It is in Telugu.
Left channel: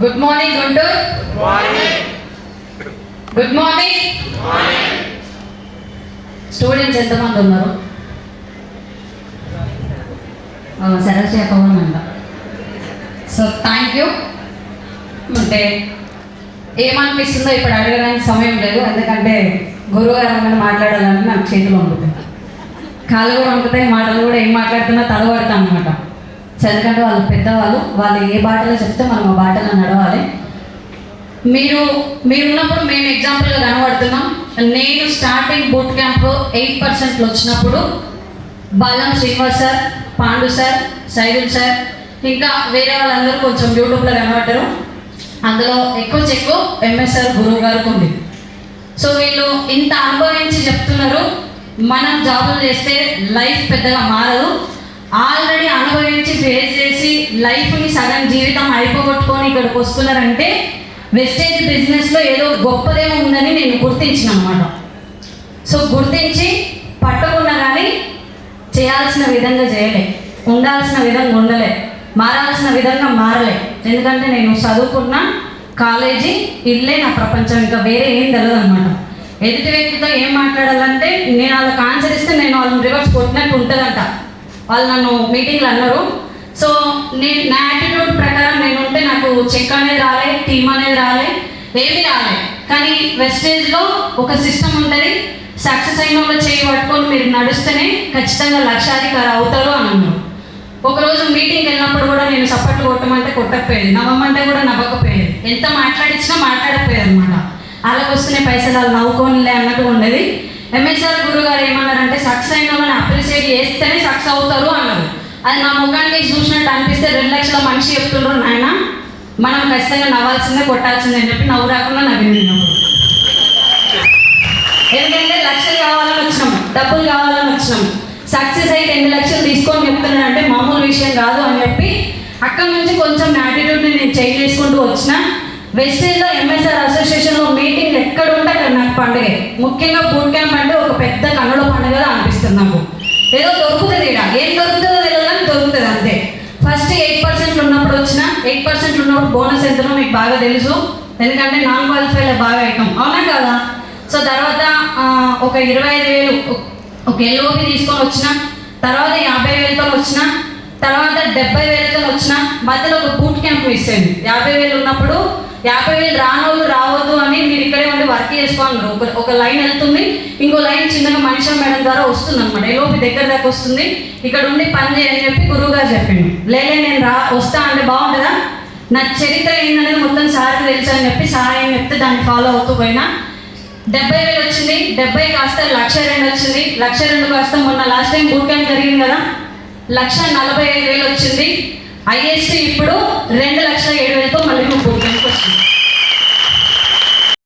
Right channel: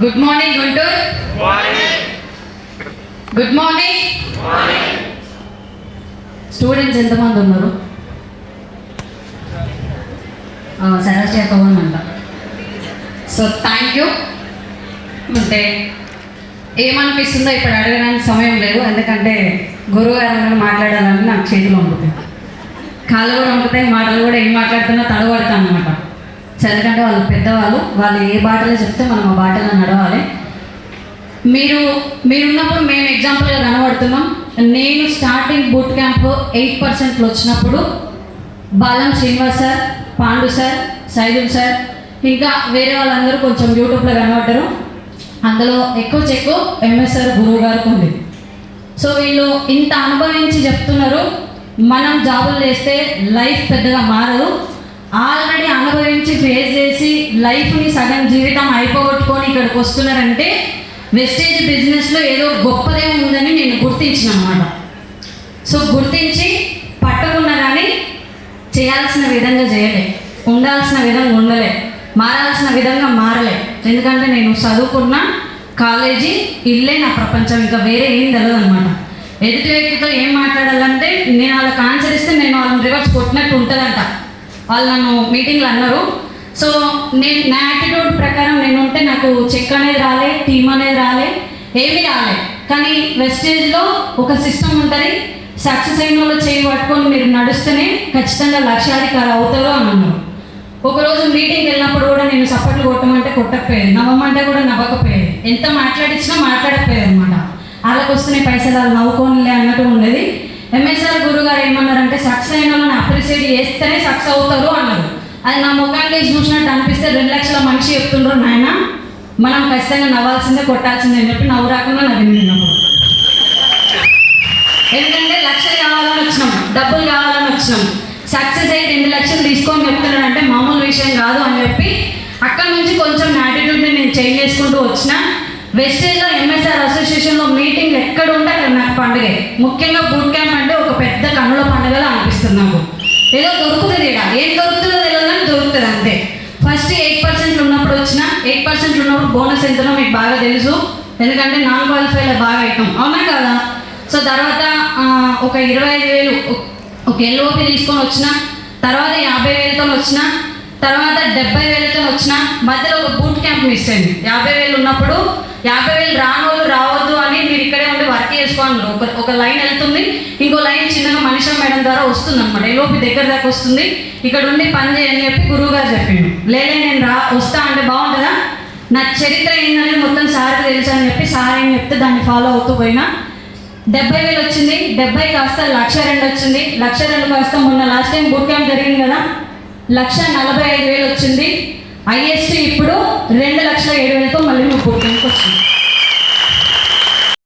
Good morning Guntur. Good morning. Students ఎంతమంది ఉన్నారు? సరస్వతి పవన్ అంట. So thank you. అంటే ఏమనిపిస్తుందో ఇప్పుడు అడగడానికి సమయం లేదు, ఎందుకంటే గురువు గారు మాట్లాడాలని నాకు చేతిలో ఉంటుంది, కాళ్ళు కూడా ఉంటుతాయి, మాటలు కూడా ఏం మాట్లాడుతున్నా తడబడతాం అనమాట. ఎందుకంటే వాళ్ళు పెద్దవాళ్ళు, వాళ్ళు ఏ బాటలో చెప్తే మనం ఆ బాటలో నడవాలి. మీరున్నప్పుడు మేము ఎగ్జాంపుల్గా కనబడుతున్నాం. నేను స్టార్టింగ్ బూట్ క్యాంప్ 8% వచ్చినప్పుడు Balam Srinivas sir, Pandu sir, Saidul sir, ఇంకా వేరే వాళ్ళందరూ కొంచెం యూట్యూబ్లో కనబడ్డారు. అందులో ఎక్కువ ఎంఎస్ఆర్ గురువు గారికి ఉంది. సో వీళ్ళు ఇంత అనుభవించి చెప్తున్నారు, మనం జాబులు చేస్తే లైఫ్ పెద్దగా మారదు. ఆల్రెడీ అనుభవించి ఫేస్ చేసి లైఫ్ని సగం జీవితం అయిపోగొట్టుకొని ఇక్కడికి వస్తున్నారంటే వెస్టేజ్ బిజినెస్లో ఏదో గొప్పదే ఉందని నేను గుర్తించిన అన్నమాట. సో గుర్తించి పట్టుకున్నా కానీ చేయాల్సిన విధంగా చేయలే, ఉండాల్సిన విధంగా ఉండలే, మారాల్సిన విధంగా మారలే. ఎందుకంటే నేను చదువుకున్న కాలేజీ ఇల్లే నా ప్రపంచం, ఇంకా వేరే ఏం తెలియదు అనమాట. ఎదుటి వ్యక్తితో ఏం మాట్లాడాలంటే నేను వాళ్ళకి ఆన్సర్ ఇస్తే నేను వాళ్ళని రివర్స్ కొట్టినట్టు ఉంటుందంట. వాళ్ళు నన్ను మీటింగ్లో అన్నారు. సో నా యాటిట్యూడ్ ప్రకారం నేను ఉంటే నాకు చెక్ అనేది రాలే, టీమ్ అనేది రాలే, ఏమీ రాలే. కానీ వెస్టేజ్లో ఒక సిస్టమ్ ఉంటుంది, సక్సెస్ అయిన వాళ్ళు చేయి పట్టుకొని మీరు నడుస్తేనే ఖచ్చితంగా లక్ష్యాధికారి అవుతారు అని అన్నారు. ఒకరోజు మీటింగ్ వెళ్ళినప్పుడు కూడా నేను సపోర్ట్ కొట్టమంటే కొట్టకపోయేది, నవ్వమంటే కూడా నవ్వకపోయేది, ఎంత మాట్లాడించినా మాట్లాడకపోయేది అనమాట. అలాగ వస్తున్నాయి పైసలు, వాళ్ళు నవ్వుకోనిలే అన్నట్టు ఉండేది. ఎంఎస్ఆర్ గురువు గారు ఏమన్నారంటే సక్సెస్ అయిన వాళ్ళని అప్రిషియేట్ చేస్తేనే సక్సెస్ అవుతారు అన్నారు. అది నా ముఖాన్ని చూసినట్టు అనిపిస్తే 2 లక్షల మనిషి చెప్తుండ్రు, నాయన మనం ఖచ్చితంగా నవ్వాల్సిందే కొట్టాల్సిందే అని చెప్పి నవ్వు రాకుండా నవ్వినప్పుడు. ఎందుకంటే లక్షలు కావాలని వచ్చినాం, డబ్బులు కావాలని వచ్చినాం. సక్సెస్ అయితే 2 లక్షలు తీసుకొని చెప్తున్నానంటే మామూలు విషయం కాదు అని చెప్పి అక్కడ నుంచి కొంచెం యాటిట్యూడ్ని నేను చేంజ్ చేసుకుంటూ వచ్చిన. వెస్టేజ్లో ఎంఎస్ఆర్ అసోసియేషన్లో మీటింగ్ ఎక్కడ ఉంటే అక్కడ నాకు పండుగ. ముఖ్యంగా బూట్ క్యాంప్ అంటే ఒక పెద్ద కన్నుల పండుగలా అనిపిస్తుంది నాకు. ఏదో దొరుకుతుంది, ఇక ఏం దొరుకుతుందో తెలియదని దొరుకుతుంది అంతే. ఫస్ట్ 8% ఉన్నప్పుడు వచ్చిన, 8% ఉన్నప్పుడు బోనస్ ఎంతనో మీకు బాగా తెలుసు, ఎందుకంటే నాన్ క్వాలిఫైలో బాగా అయినాం, అవునా కదా. సో తర్వాత ఒక 25,000 ఒక ఎల్ఓపి తీసుకొని వచ్చిన, తర్వాత 50,000తో వచ్చిన, తర్వాత 70,000తో వచ్చిన. మధ్యలో ఒక బూట్ క్యాంప్ ఇచ్చాను. 50,000 ఉన్నప్పుడు 50,000 రానోళ్ళు రావద్దు అని మీరు ఇక్కడే ఉండి వర్క్ చేసుకోండి. ఒక లైన్ వెళ్తుంది, ఇంకో లైన్ చిన్నగా మనిషి మేడం ద్వారా వస్తుంది అనమాట. ఎల్ఓపి దగ్గర దాకా వస్తుంది, ఇక్కడ ఉండి పని చేయని చెప్పి గురువు గారు చెప్పిండు. లేదా నేను వస్తా అంటే బాగుంటుందా, నా చరిత్ర ఏంటనేది మొత్తం సార్కి తెలుసు అని చెప్పి సార్ ఏం చెప్తే దాన్ని ఫాలో అవుతూ పోయినా. 70,000 వచ్చింది, 70 కాస్త 1,02,000 వచ్చింది, 1,02,000 కాస్త మొన్న లాస్ట్ టైం బూట్ క్యాంప్ జరిగింది కదా 1,45,000 వచ్చింది. ఐఏఎస్